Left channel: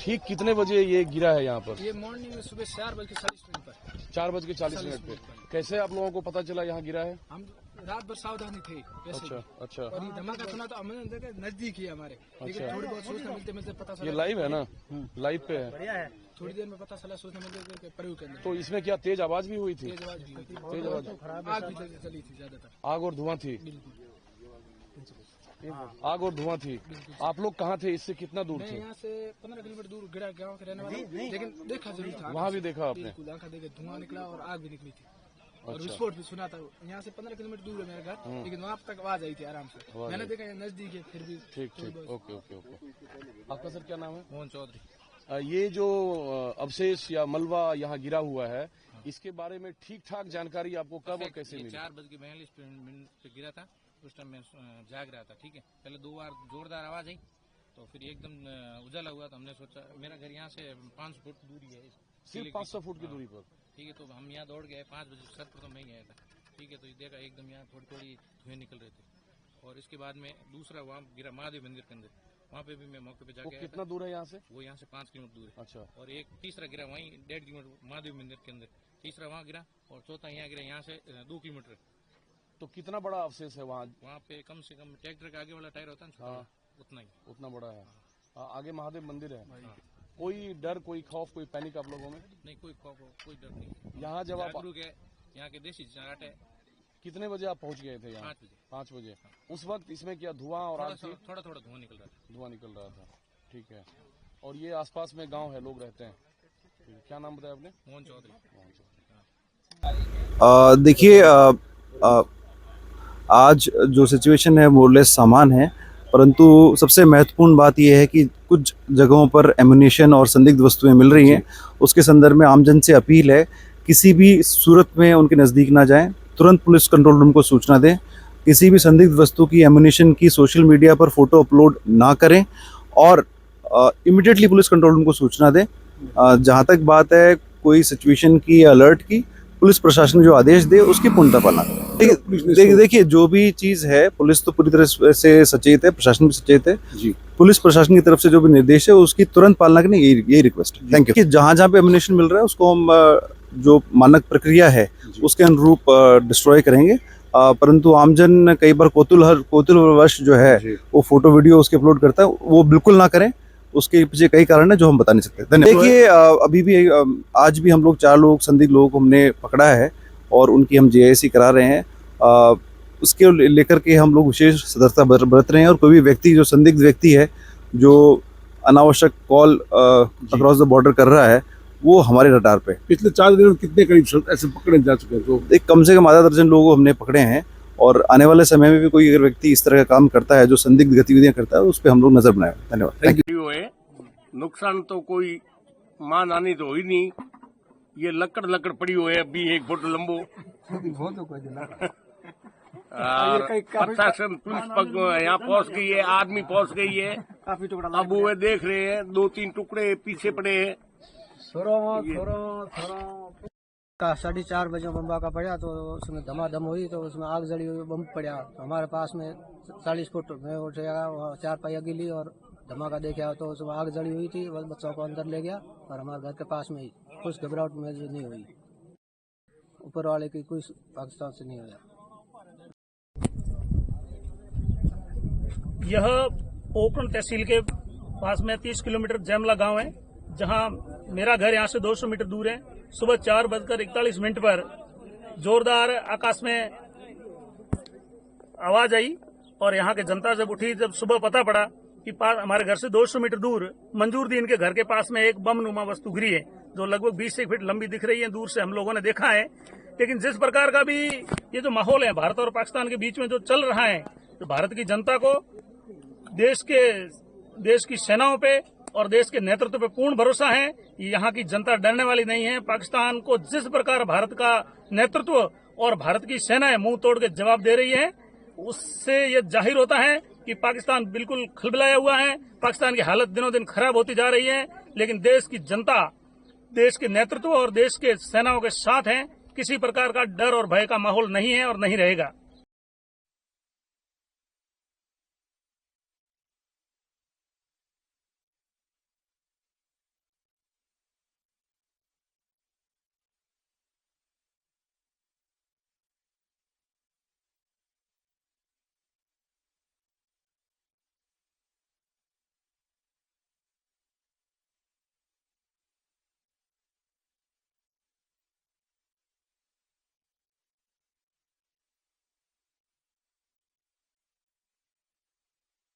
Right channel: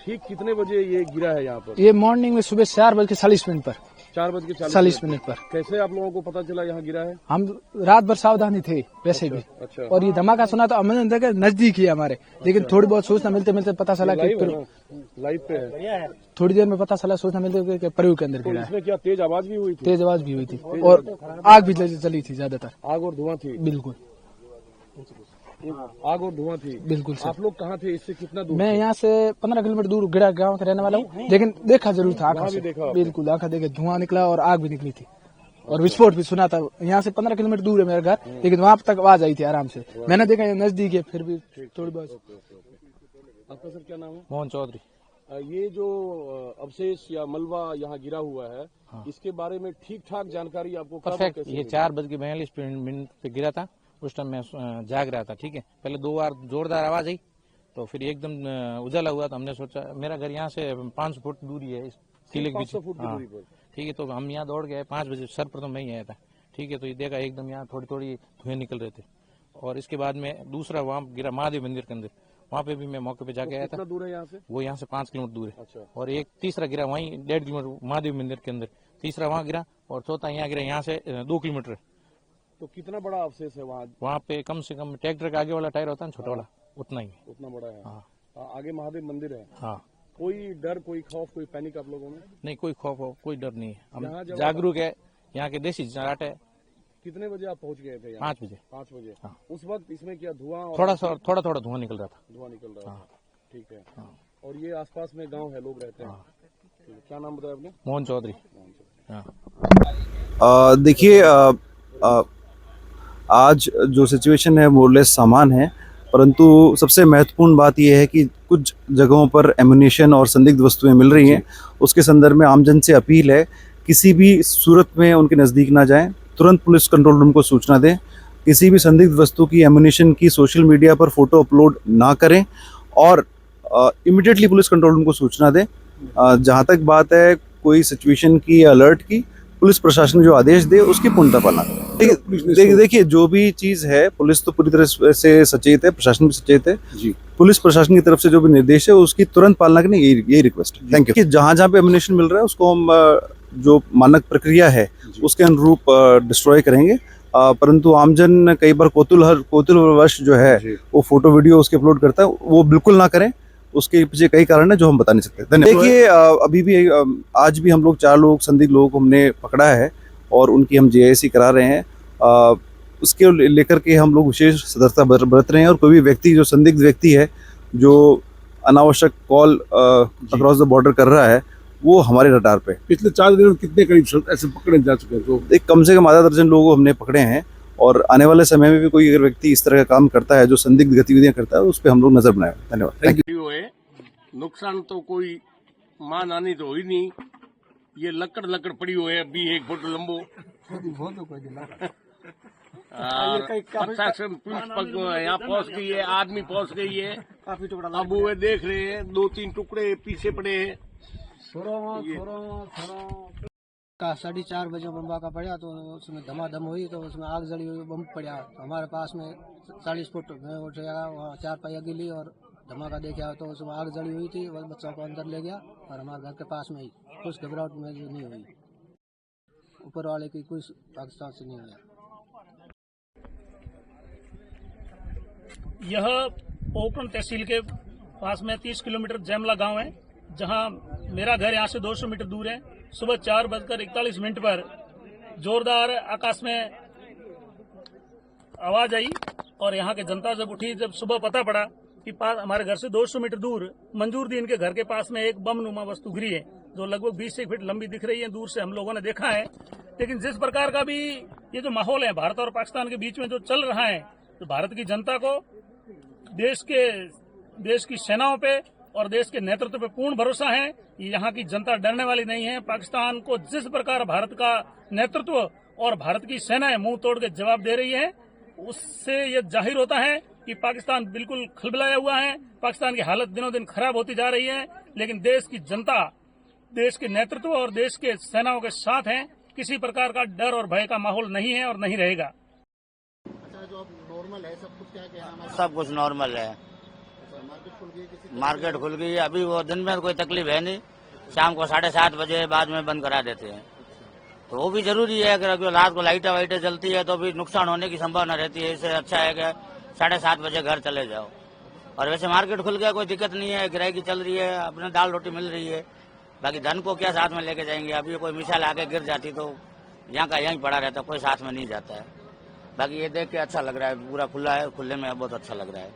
ठीक कितने बजे ये गिरा है यहाँ पर? ये मॉर्निंग में सुबह 4:40 पर 4:40 पर। कैसे आप लोगों को पता चला यहाँ गिरा है? हम रात भर सावधानी थे वैसे भी। अच्छा। और ये धमाका सुना तो हमने देखा नजदीक ही हमारे, लेकिन थोड़ी बहुत सूचना मिलते मिलते पता चला कि लाइव पे है। थोड़ी देर में पता चला, सूचना मिलते कि प्रयोग के अंदर गिरा है। इसमें क्या तेज आवाज भी हुई थी? तेज आवाज भी हुई थी और आग भी चली थी, ज्यादातर आग और धुआं थी। बिल्कुल आग और धुआं थी। बिल्कुल। आप लोग कहाँ थे? इससे कितना दूर? मैं यहाँ से 15 किलोमीटर दूर गिरा गांव का रहने वाला हूँ, लेकिन देखा जरूर था आंखों से। बिल्कुल आंखा देखे, धुआं निकला और आग भी निकली थी और विस्फोट भी सुना था। यहाँ से 15 किलोमीटर दूर है मेरा घर, लेकिन वहाँ तक आवाज आई थी आराम से। मैंने देखा ये नजदीक है, फिर भी थोड़ी बहुत। आपका सर क्या नाम है? मोहन चौधरी। ये जो अवशेष या मलबा यहाँ गिरा हुआ है, इसके बारे में ठीक ठाक जानकारी आपको परफेक्ट। ये 4:42 पे गिरा था। उस टाइम मैं जाग रहा था। ठीक है, पहले 2 बार जोरदार आवाज आई तो फिर एकदम उजाला हुआ तो हमने सोचा, मेरा घर यहाँ से 500 फुट दूरी है किले के पीछे। ठीक है, तो हम यहाँ दौड़ गए 5 बजे। सर्वप्रथम मैं ही आया था। ठीक है, तो ये देखा एकदम यहाँ थोड़ी थोड़ी धुएं निकल रहे थे। और इसके बाद में दूसरा वहाँ गिरा महादेव मंदिर के अंदर, वहाँ पे भी मैं मौके पे जाके आया था। दूर है यहाँ से? वो यहाँ से 5 किलोमीटर दूर है। अच्छा। और एक तीसरा गिरा वहीं 1.5 किलोमीटर महादेव मंदिर के अंदर, तीसरा वहाँ गिरा और चौथा यहाँ गिरा, यहाँ से 2 किलोमीटर। तो कितना बड़ा अवशेष है वहाँ? वहाँ पे कम से कम ट्रैक्टर का आगे वाला टायर होता है ना, छोटा वाला, उतना ही। उतना बड़ा है? हाँ। आगे महादेव मंदिर है? हाँ। कोई डर, कोई खौफ, कोई पैनिक आप लोगों में? नहीं, कोई खौफ हो, कोई डर नहीं है। हम जागरूक है, यहाँ के देसी जाट है। कितने बजे आप पहुँच गए थे? 5 बजे। 5 बजे। हाँ। उस वक्त इसमें क्या धुआं? थोड़ा धुआं निकल रहा था। धुआं निकल रहा था। ठीक है। हाँ। और ये आसपास में गांव है, लोग रहते हैं? क्या नाम बताया आपने? मोहन चौधरी। देखिए, आज जो सिचुएशन है मोरलेस सामान है, परंतु सबसे महत्वपूर्ण बात यह है कि कुछ जगहों पर एम्यूनिशन और संदिग्ध वस्तुएं मिल रही हैं। उसके संदर्भ में आमजन से अपील है, किसी भी सूरत में उनके नज़दीक ना जाएं, तुरंत पुलिस कंट्रोल रूम को सूचना दें। किसी भी संदिग्ध वस्तु की, एम्यूनिशन की सोशल मीडिया पर फोटो अपलोड ना करें और इमीडिएटली पुलिस कंट्रोल रूम को सूचना दें। जहाँ तक बात है कोई सिचुएशन की, अलर्ट की, पुलिस प्रशासन जो आदेश दे उसकी पूर्णतः पालना। देखिए, जो भी चीज़ है, पुलिस तो पूरी तरह से सचेत है, प्रशासन भी सचेत है जी। पुलिस प्रशासन की तरफ से जो भी निर्देश है उसकी तुरंत पालना करनी, यही रिक्वेस्ट है। Thank you. जहाँ जहाँ पे एम्यूनिशन मिल रहा है उसको हम जो मानक प्रक्रिया है उसके अनुरूप डिस्ट्रॉय करेंगे। परंतु आमजन कई बार कौतूहलवश जो है वो फोटो वीडियो उसके अपलोड करता है, वो बिल्कुल ना करें। उसके पीछे कई कारण है जो हम बता नहीं सकते। धन्यवाद। देखिए, अभी भी आज भी हम लोग 4 लोग संदिग्ध लोगों को हमने पकड़ा है और उनकी हम JIC करा रहे हैं। उसके लेकर के हम लोग विशेष सतर्कता बरत रहे हैं और कोई भी व्यक्ति जो संदिग्ध व्यक्ति है जो अनावश्यक कॉल अक्रॉस द बॉर्डर कर रहा है वो हमारे रडार पे। पिछले 4 दिनों में कितने करीब ऐसे पकड़े जा चुके हैं? तो एक कम से कम आधा दर्जन लोगों को हमने पकड़े हैं और आने वाले समय में भी कोई अगर व्यक्ति इस तरह का काम करता है जो संदिग्ध गतिविधियां करता है उस पर हम लोग नजर बनाएंगे। धन्यवाद। Thank you. नुकसान तो कोई मान आनी तो हुई नहीं। ये लकड़ पड़ी हुई है, अभी 1 फुट लंबो। और प्रशासन पुलिस यहाँ पहुंच गई है, आदमी पहुंच गई है। अब वो देख रहे हैं, 2-3 टुकड़े पीछे पड़े हैं। 4:30 बजे बम्बा का पड़ा तो उसमें धमाधम हुई, तो उसमें आग जली हुई, बम पड़ा। तो हमारे पास में 40 फुट में उठेगा, वहाँ 4 पहिया गिली और धमाका देखा तो उसमें आग जली हुई थी। बस बच्चों को अंदर ले गया और हमारे घर के पास में ही कुछ घबराहट में जो नहीं हुई, ऊपर वाले की कुछ पाकिस्तान से नहीं हुआ। यह पोखरण तहसील के पास में 30 किलोमीटर जैमला गांव है, जहां मेरा घर यहां से 200 मीटर दूर है। सुबह 4:41 पर जोरदार आकाश में आवाज आई और यहां के जनता जब उठी, जब सुबह पता पड़ा कि पास हमारे घर से 200 मीटर दूर मंजूरदीन के घर के पास में एक बम नुमा वस्तु गिरी है, जो लगभग 20 से 1 फीट लंबी दिख रही है। दूर से हम लोगों ने देखा है, लेकिन जिस प्रकार का भी ये जो माहौल है भारत और पाकिस्तान के बीच में जो चल रहा है, तो भारत की जनता को देश की सेनाओं पे और देश के नेतृत्व पे पूर्ण भरोसा है। यहाँ की जनता डरने वाली नहीं है। पाकिस्तान को जिस प्रकार भारत का नेतृत्व और भारत की सेनाएं मुंह तोड़ के जवाब दे रही है, उससे ये जाहिर होता है कि पाकिस्तान बिल्कुल खलबलाया हुआ है। पाकिस्तान की हालत दिनों दिन खराब होती जा रही है, लेकिन देश की जनता देश के नेतृत्व और देश के सेनाओं के साथ है। किसी प्रकार का डर और भय का माहौल नहीं है और नहीं रहेगा। सब कुछ नॉर्मल है। मार्केट खुल गई है। अभी वो दिन में कोई तकलीफ है नहीं, शाम को 7:30 बजे बाद में बंद करा देते हैं। तो वो भी जरूरी है, अगर रात को लाइटें वाइटें जलती है तो भी नुकसान होने की संभावना रहती है। इससे अच्छा है कि 7:30 बजे घर चले जाओ। और वैसे मार्केट खुल गया, कोई दिक्कत नहीं है, गिराई चल रही है, अपने दाल रोटी मिल रही है। बाकी धन को क्या साथ में लेके जाएंगे? अभी कोई मिसाल आके गिर जाती तो यहाँ का यहीं पड़ा रहता, कोई साथ में नहीं जाता है। बाकी ये देख के अच्छा लग रहा है, पूरा खुला है, खुले में बहुत अच्छा लग रहा है।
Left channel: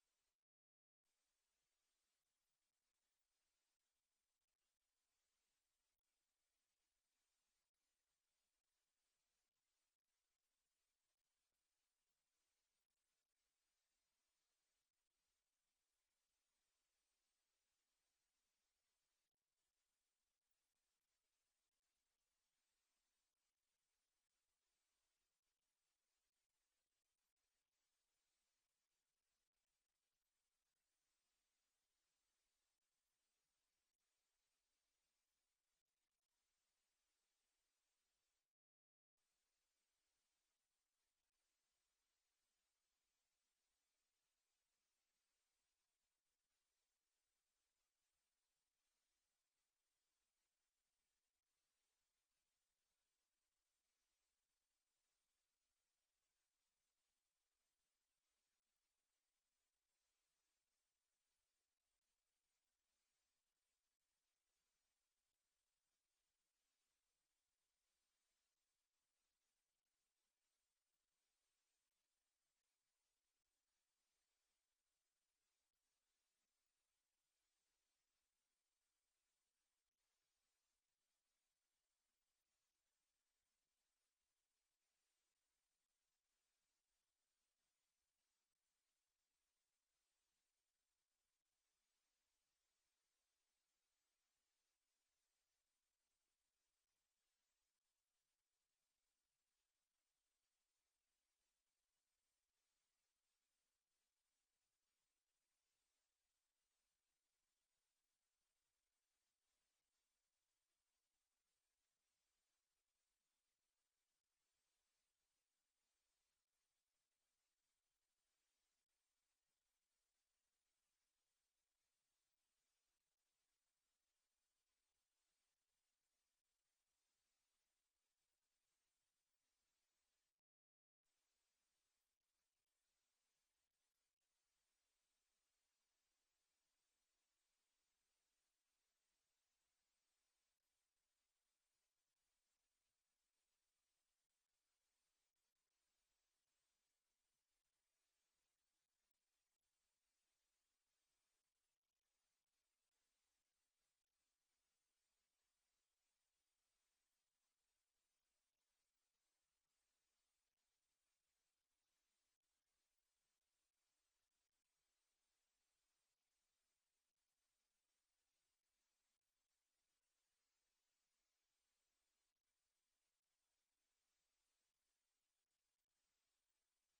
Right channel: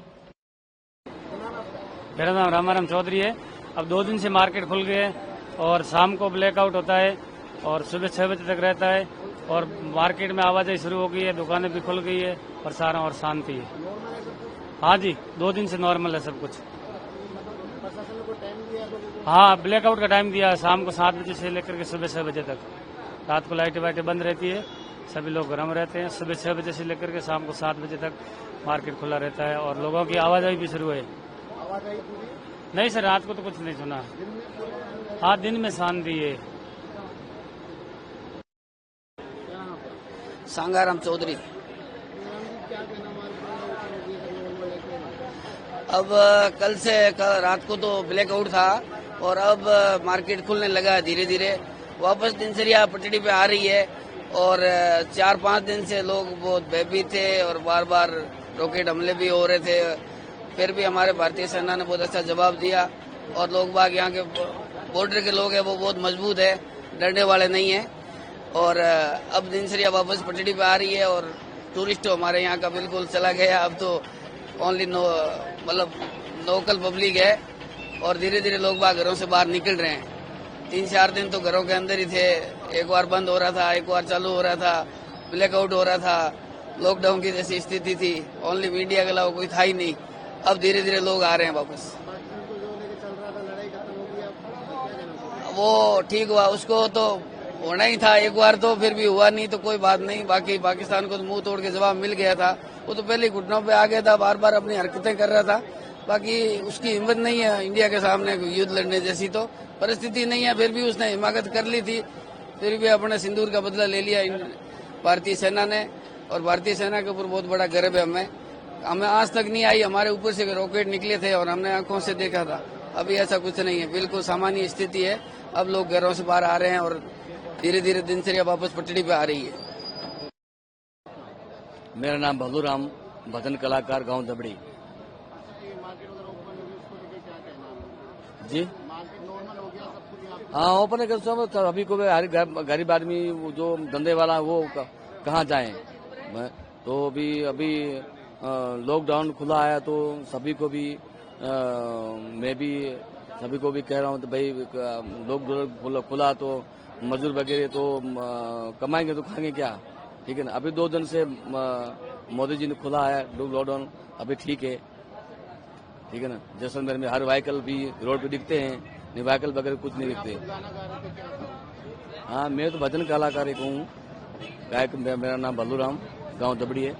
मेरा नाम रामाराम चौधरी है। अब 2 दिन से मार्केट खुल गए और शाम को ब्लैकआउट होता है और सुबह 6 बजे तक रहता है और मार्केट में आवाजाही शुरू हो गई है, दुकानें भी खुल गई है और सारा और शांति है। हाँ जी, 2 दिन से नॉर्मल है सब कुछ। हाँ, ब्लैकआउट का टाइम दिया है, शाम को 7 बजे से लेकर के सुबह 6 बजे तक। रात को लाइटें वाइटें बंद रहती है, सभी लोग गर्म रहते हैं। सुबह 6 बजे से लेकर के शाम को 7 बजे तक मार्केट खुला रहता है और लोगों की आवाजाही भी शुरू है। नहीं सर, रात को तो कुछ नहीं सुना। हाँ, दिन में शांति है। सांगाराम चौधरी। अब कल रात को तो ब्लैकआउट था और अब मार्केट खुलने लगा धीरे धीरे। वापस दिनचर्या पटड़ी पे आ रही है और 4-5 दिन से लोग बहुत भयभीत थे और बार बार रॉकेट हमले भी हो रहे थे। फिर भी हमारे भारतीय सेना ने बहुत अच्छा जवाब दिया और लोग बाग यहाँ के बॉर्डर के लोग हैं वो बहुत मजबूत है, डरने वाले नहीं है। और अब दिनचर्या वापस पटड़ी पे आ रही है और टूरिस्ट हमारे यहाँ का बिल्कुल चला गया। अब तो ओनली मतलब लोकल पब्लिक है और धीरे धीरे लोग बाग घरों से बाहर निकल रहे हैं। 3-4 दिन तो घरों के अंदर ही थे, एक बार बंद हो रहा था, एक बार चालू हो रहा था, ब्लैकआउट हो रहा था, लॉकडाउन की जैसी स्थिति थी, ओनली मीडिया के अलावा कोई था ही नहीं। अब धीरे धीरे लोग आ रहे हैं वापस। वो ठीक हुआ, उसको तो होना ही था एक बार, तो फिर भी हुआ नहीं तो कोई बात नहीं। बाकी पाकिस्तान को तो मुंह तोड़ के जवाब मिल गया था, वो तो पहले घुटनों पे आ गया था, बार बार अपनी हरकतें कर रहा था। बाकी उसकी हिम्मत नहीं है इंडिया के सामने युद्ध लड़ने जैसी तो परिस्थिति नहीं है, फिर भी उसने हिमाकत कर ली थी। फिर भी अपने सिंदूर का बदला ले लिया भारतीय सेना ने और भारतीय सेना के ऊपर बहुत बड़ा गर्व है हमें आज तक नहीं आई, हमारे ऊपर से रॉकेट निकले थे और हमने आंखों से देखा था। अभी ऐसा कुछ नहीं है, बिल्कुल सामान्य स्थिति है। अब लोग घरों से बाहर आ रहे हैं और धीरे धीरे दिनचर्या वापस पटड़ी पे आ रही है। मेरा नाम भलूराम, भजन कलाकार, गांव दबड़ी। जी हाँ, ओपन है सब। अभी को गरीब आदमी जो धंधे वाला वो कहाँ जाए? तो अभी लॉकडाउन खुला है तो सभी को भी मैं भी सभी को भी कह रहा हूँ तो भाई लॉकडाउन खुला तो मजदूर वगैरह तो कमाएंगे तो खाएंगे क्या? ठीक है ना। अभी 2 दिन से मोदी जी ने खुला है लॉकडाउन, अभी ठीक है ना। जैसलमेर में हर व्हीकल भी रोड पे दिखते हैं, नहीं व्हीकल वगैरह कुछ नहीं दिखते। हाँ, मैं तो भजन कलाकार एक हूँ, गायक। मेरा नाम भलूराम, गांव दबड़ी है।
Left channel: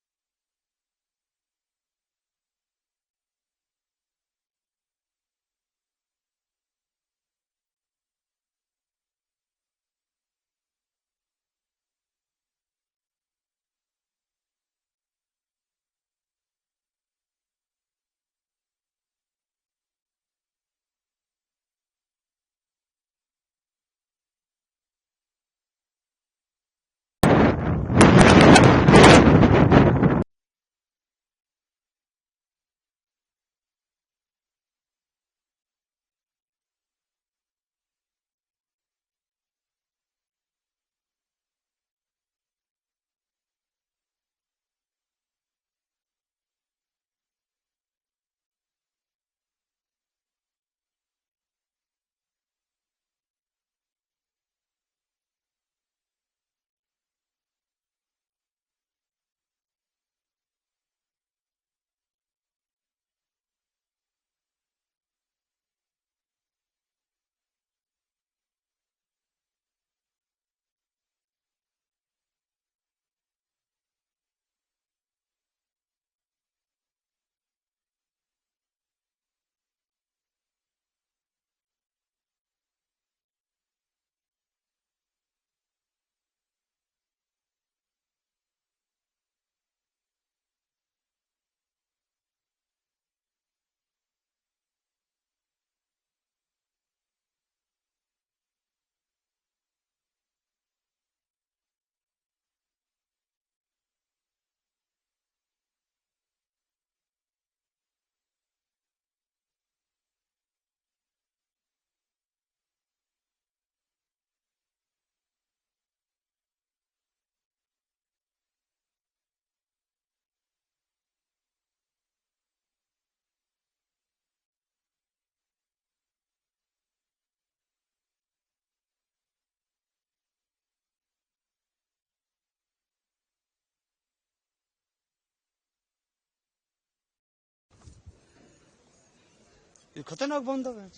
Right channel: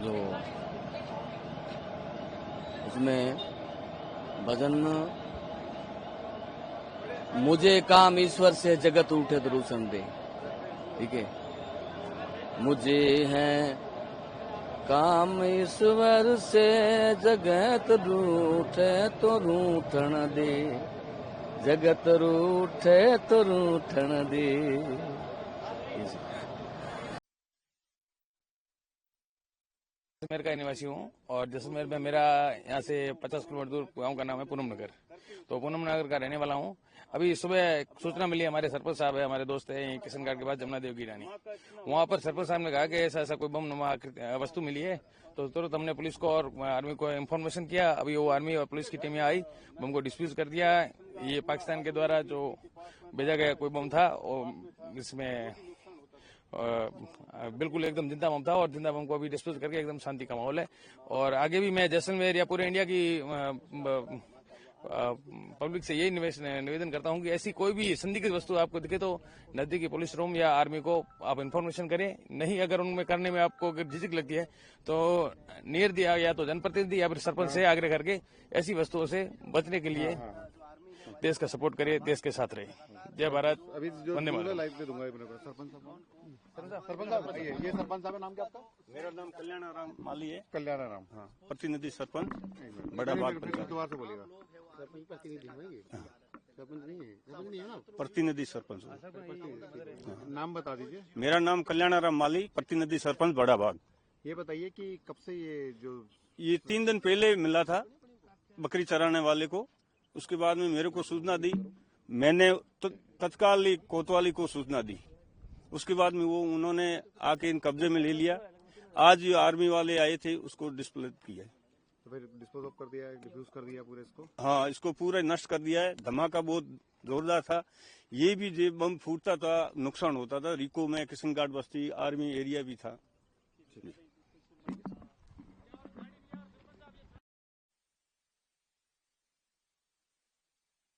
जो उसमें भजन, मुझे काम ईश्वर से जगत उठे तो रूसन दे, ठीक है। मुझे है काम ईश्वर से जगत रूठे तो रूठन दे, जगत रूठे तो रूठन दे। जैसलमेर का निवासी हूँ और जैसलमेर में मेरा यहाँ से 50 किलोमीटर दूर गांव का नाम है पूनम नगर। तो पूनम नगर का रहने वाला हूँ। अभी सुबह सूचना मिली, हमारे सरपंच साहब है, हमारे दोस्त है किशन घाट के पास जमुना देव की रानी, वहाँ पर सरपंच साहब ने कहा कि ऐसा कोई बम नुमा वस्तु मिली है। तो तुरंत हमने पुलिस को और आर्मी को इन्फॉर्मेशन किया। अभी वो आर्मी और पुलिस की टीमें आई, बम को डिस्प्यूज कर दिया। ये पाकिस्तान के द्वारा जो भेजा गया कोई बम था, और इसमें बिल्कुल एकदम जिंदा बम था और जिंदा बम को अभी डिस्पोज करके एकदम शांति का माहौल है। और आगे भी मैं जैसलमेर या पूरे इंडिया की पब्लिक से यही निवेदन करता हूं कि ऐसी कोई भी संदिग्ध वस्तु आपको दिखे तो नजदीकी पुलिस रूम या आर्मी को आप इन्फॉर्मेशन करें। नहीं, अगर उनमें करने में आपको झिझक लगती है तो नियर दिया या तो जनप्रतिनिधि या फिर सरपंच से आग्रह करके ऐसी वस्तुओं से बचने के लिए देश का सपोर्ट करे, देश के साथ रहे। जय भारत। अभी जो वंदे मातरम। लाइव पे दूंगा सरपंच साहब बताइए, ये सरपंच साहब नाम क्या आपका? मेरा नाम कल्याणाराम माली है। कल्याणाराम, हाँ। प्रतिनिधि सरपंच बड़ा बाग पंचायत। दोबारा से बोलिएगा। सरपंच प्रतिनिधि सरपंच नहीं है ना? प्रतिनिधि सरपंच। नाम बता दीजिए। मेरा नाम कल्याणाराम माली, प्रतिनिधि सरपंच बड़ा बाग। ये बताइए कि कब से ये 3 दिन पहले मिला था बकरी चराने वाले को। उसके बाद में मेरे को सूचना दी, मैंने तत्काल ही कोतवाली को सूचना दी। उसके बाद में वो उन्होंने आके इन कब्जे में ले लिया। आज जो आर्मी वाले आए थे उसको डिस्प्ले किया, तो फिर डिस्पोज ऑफ कर दिया, डिफ्यूज कर दिया पूरे इसको। हाँ, इसको पूरा नष्ट कर दिया है। धमाका बहुत जोरदार था। ये भी जो बम फूटता था नुकसान होता था। रिको में किशन घाट बस्ती आर्मी एरिया भी था। खतरनाक बंद है।